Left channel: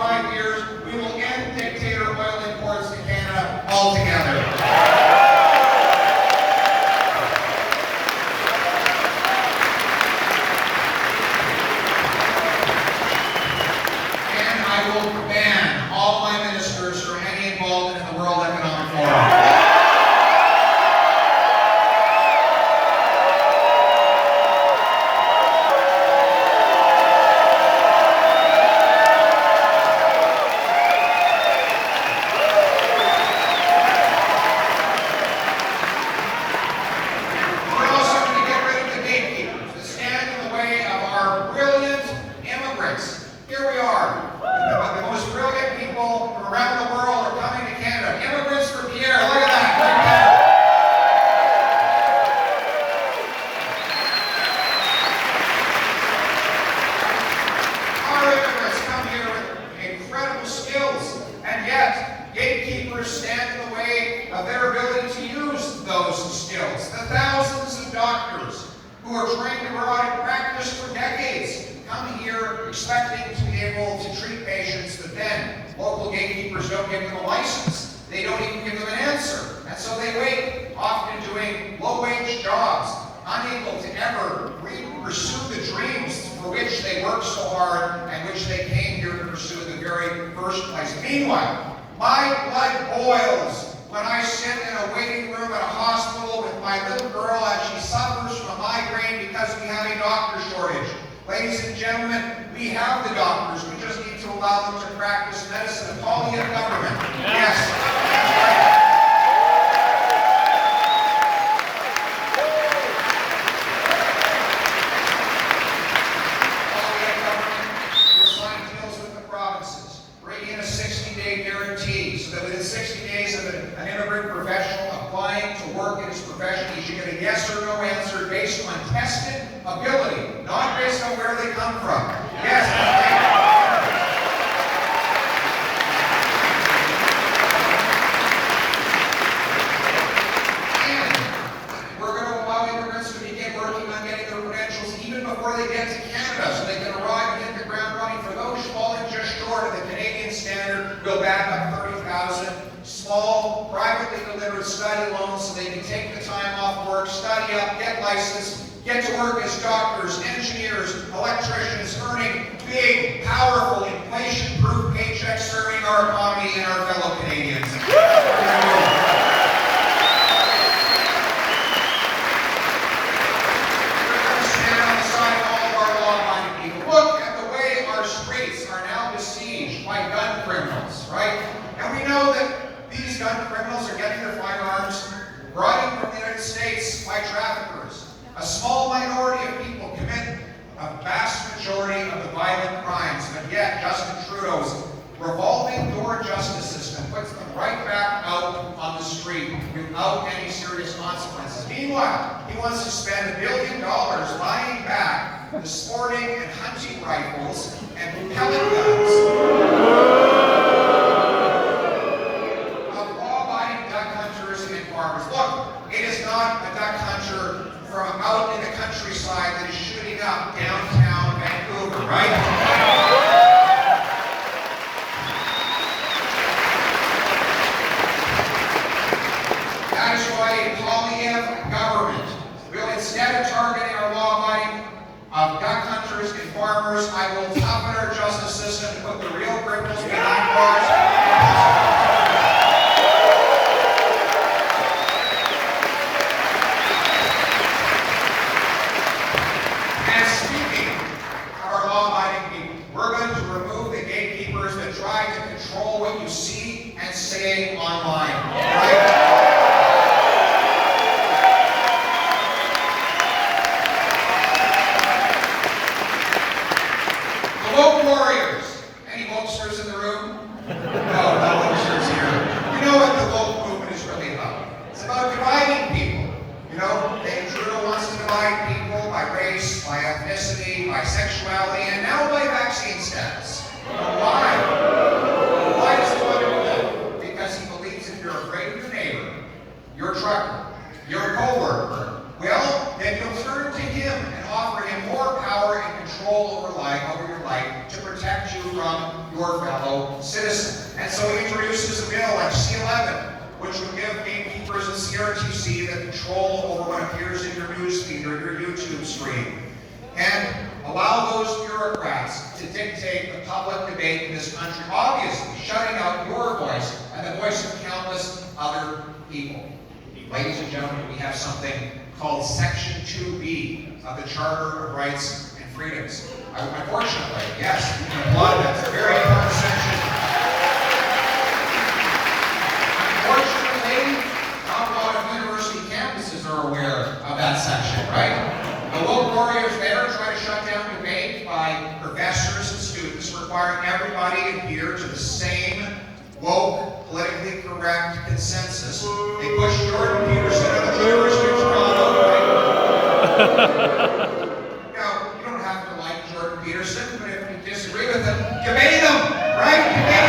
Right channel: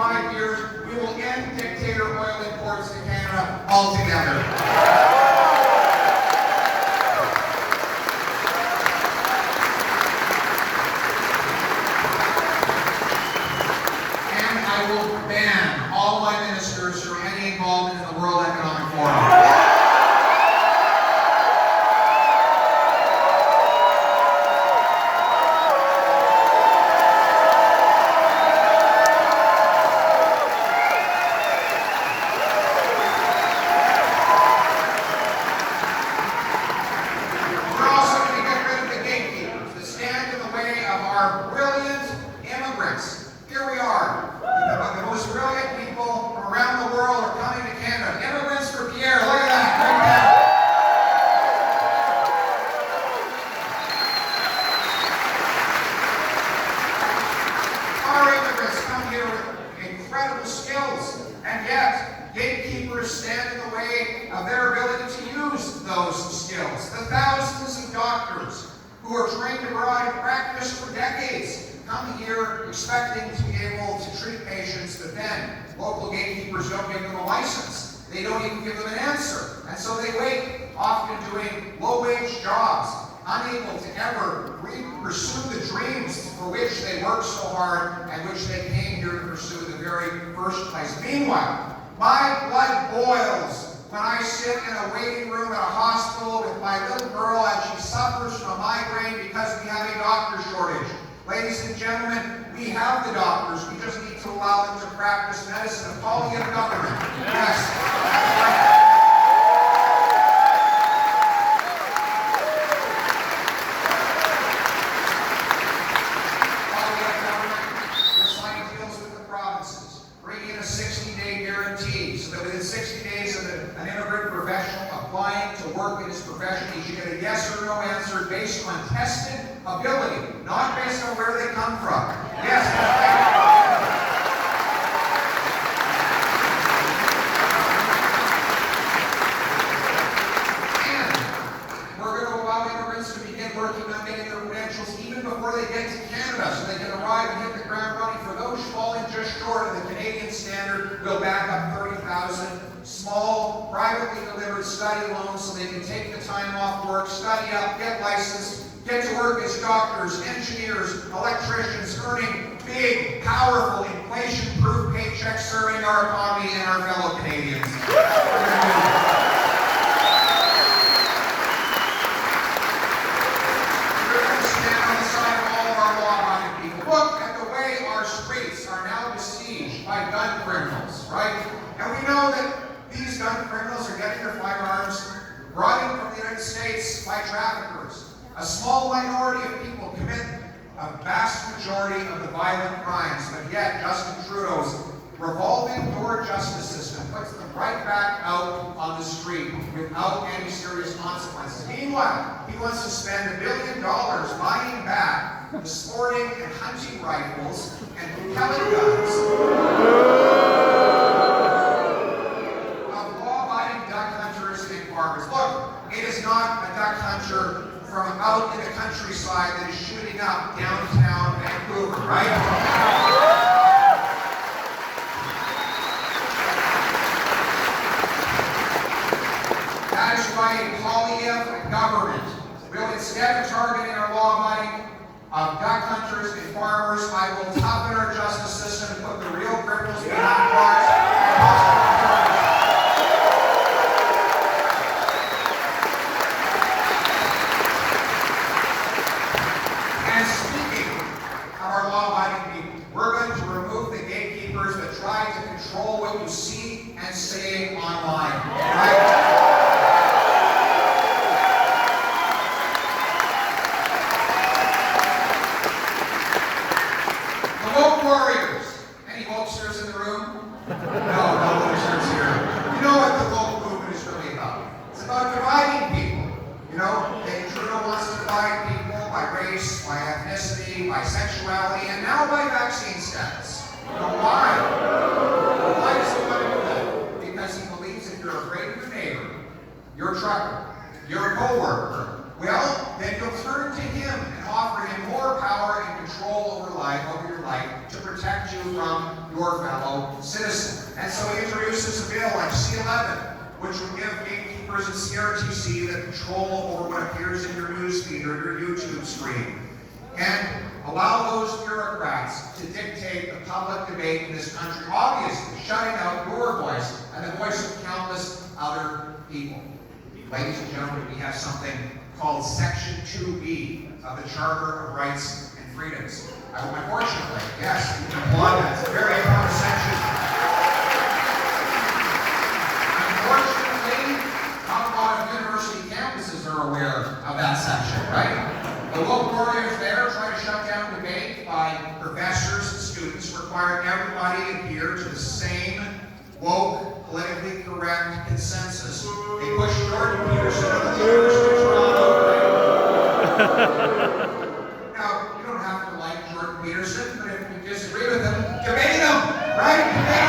5 years, we will end dictator oil imports to Canada altogether. And I will ban all my ministers from any involvement in the World Economic Forum. Here we are. The most brilliant people from around the world are coming to Canada. Immigrants for Pierre. Look at that. Right there. Our immigrants come here with incredible skills, and yet gatekeepers stand in the way of their ability to use those skills. The thousands of doctors who are trained abroad and practiced for decades come here expecting to be able to treat patients, but then local gatekeepers don't give them a license. They don't even give them an answer. And so they wait, often doing low-wage jobs, unable to ever pursue the dreams for which they worked so hard and which they came here to pursue in the very first place. Meanwhile, my blood boils when I sit in a waiting room at a hospital with my little girl as she suffers from a migraine because we have a doctor shortage. Ladies and gentlemen, we have the doctors. We just need to allow them to practice medicine. The Poilievre government. Yes. Poilievre government will sign deals with the provinces, bring in a 60-day guarantee so that within 60 days of an immigrant professional applying to work in his profession, he should get a yes or no answer based on tested ability, not based on where they come from. Yes, and we're going to allow immigrants to begin working on getting their credentials even before they get to Canada, so they can arrive and hit the ground running. For those falling just short of the Canadian standard, we'll back up 30,000 small, privately delivered study loans so they can take the time off work, study up, get licensed, get to work as doctors, engineers, electricians, earning big, powerful, inflation-proof paychecks, serving our economy and our fellow Canadians. We're going to stand on the side of all of our law-abiding people. Look at the way our streets are now besieged by gun criminals, right? And we know that these gun criminals are getting their firearms brought in from the United States by traffickers. A small minority of people commit a vast majority of the violent crimes, but yet Justin Trudeau's revolving door justice system puts them right back out on the street without any serious consequences. Meanwhile, he wants to spend $1 billion buying back the sporting and hunting rifles and pellet guns of law-abiding duck hunters and farmers. Look, it is not a duck hunter from out in the countryside that is shooting up downtown Vancouver, right? That is why a Poilievre government will, instead of targeting our law-abiding duck hunters and farmers, I will toughen our justice system and put the real criminals behind bars. We're going to remove the gatekeepers that try to control what you see and say online. Right? The woke warriors. Any wokesters in the room? No wokesters here. You know what the woke movement is really about? It's about dividing people. You know, Trudeau wants to divide people by race, by ethnicity, by sexuality, and now by vaccine status. You know why? Why does he want to do that? Because he believes if you're afraid of your your fellow citizen. And so he introduces a bill like C-11, which would give gatekeepers and CRTC the control over what appears in your newsfeed or your YouTube stream, and allow those bureaucrats to dictate the public debate in this country, obviously shutting out your voice and the voice of countless other people. Ladies and gentlemen, we have something called Section 2B of the Charter of Rights and Freedoms. Unfortunately, yes, we can applaud that. It's a very important section. Unfortunately, not a lot of university campuses are aware of that section, right? The woke warriors there try to shut down debate by professors and students, requiring everybody to adhere to the same woke, politically correct consensus. They push Jordan Peterson out of the University of Toronto. Now, you don't have to like Jordan Peterson, but if you disagree with him, debate him, right? Debate him.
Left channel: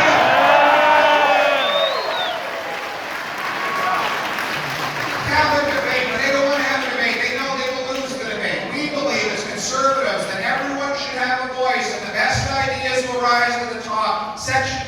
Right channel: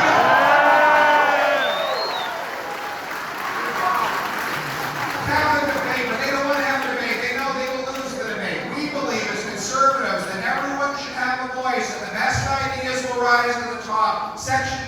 Have them debate, but they don't want to have a debate. They know they will lose the debate. We believe as conservatives that everyone should have a voice and the best ideas will rise to the top. Section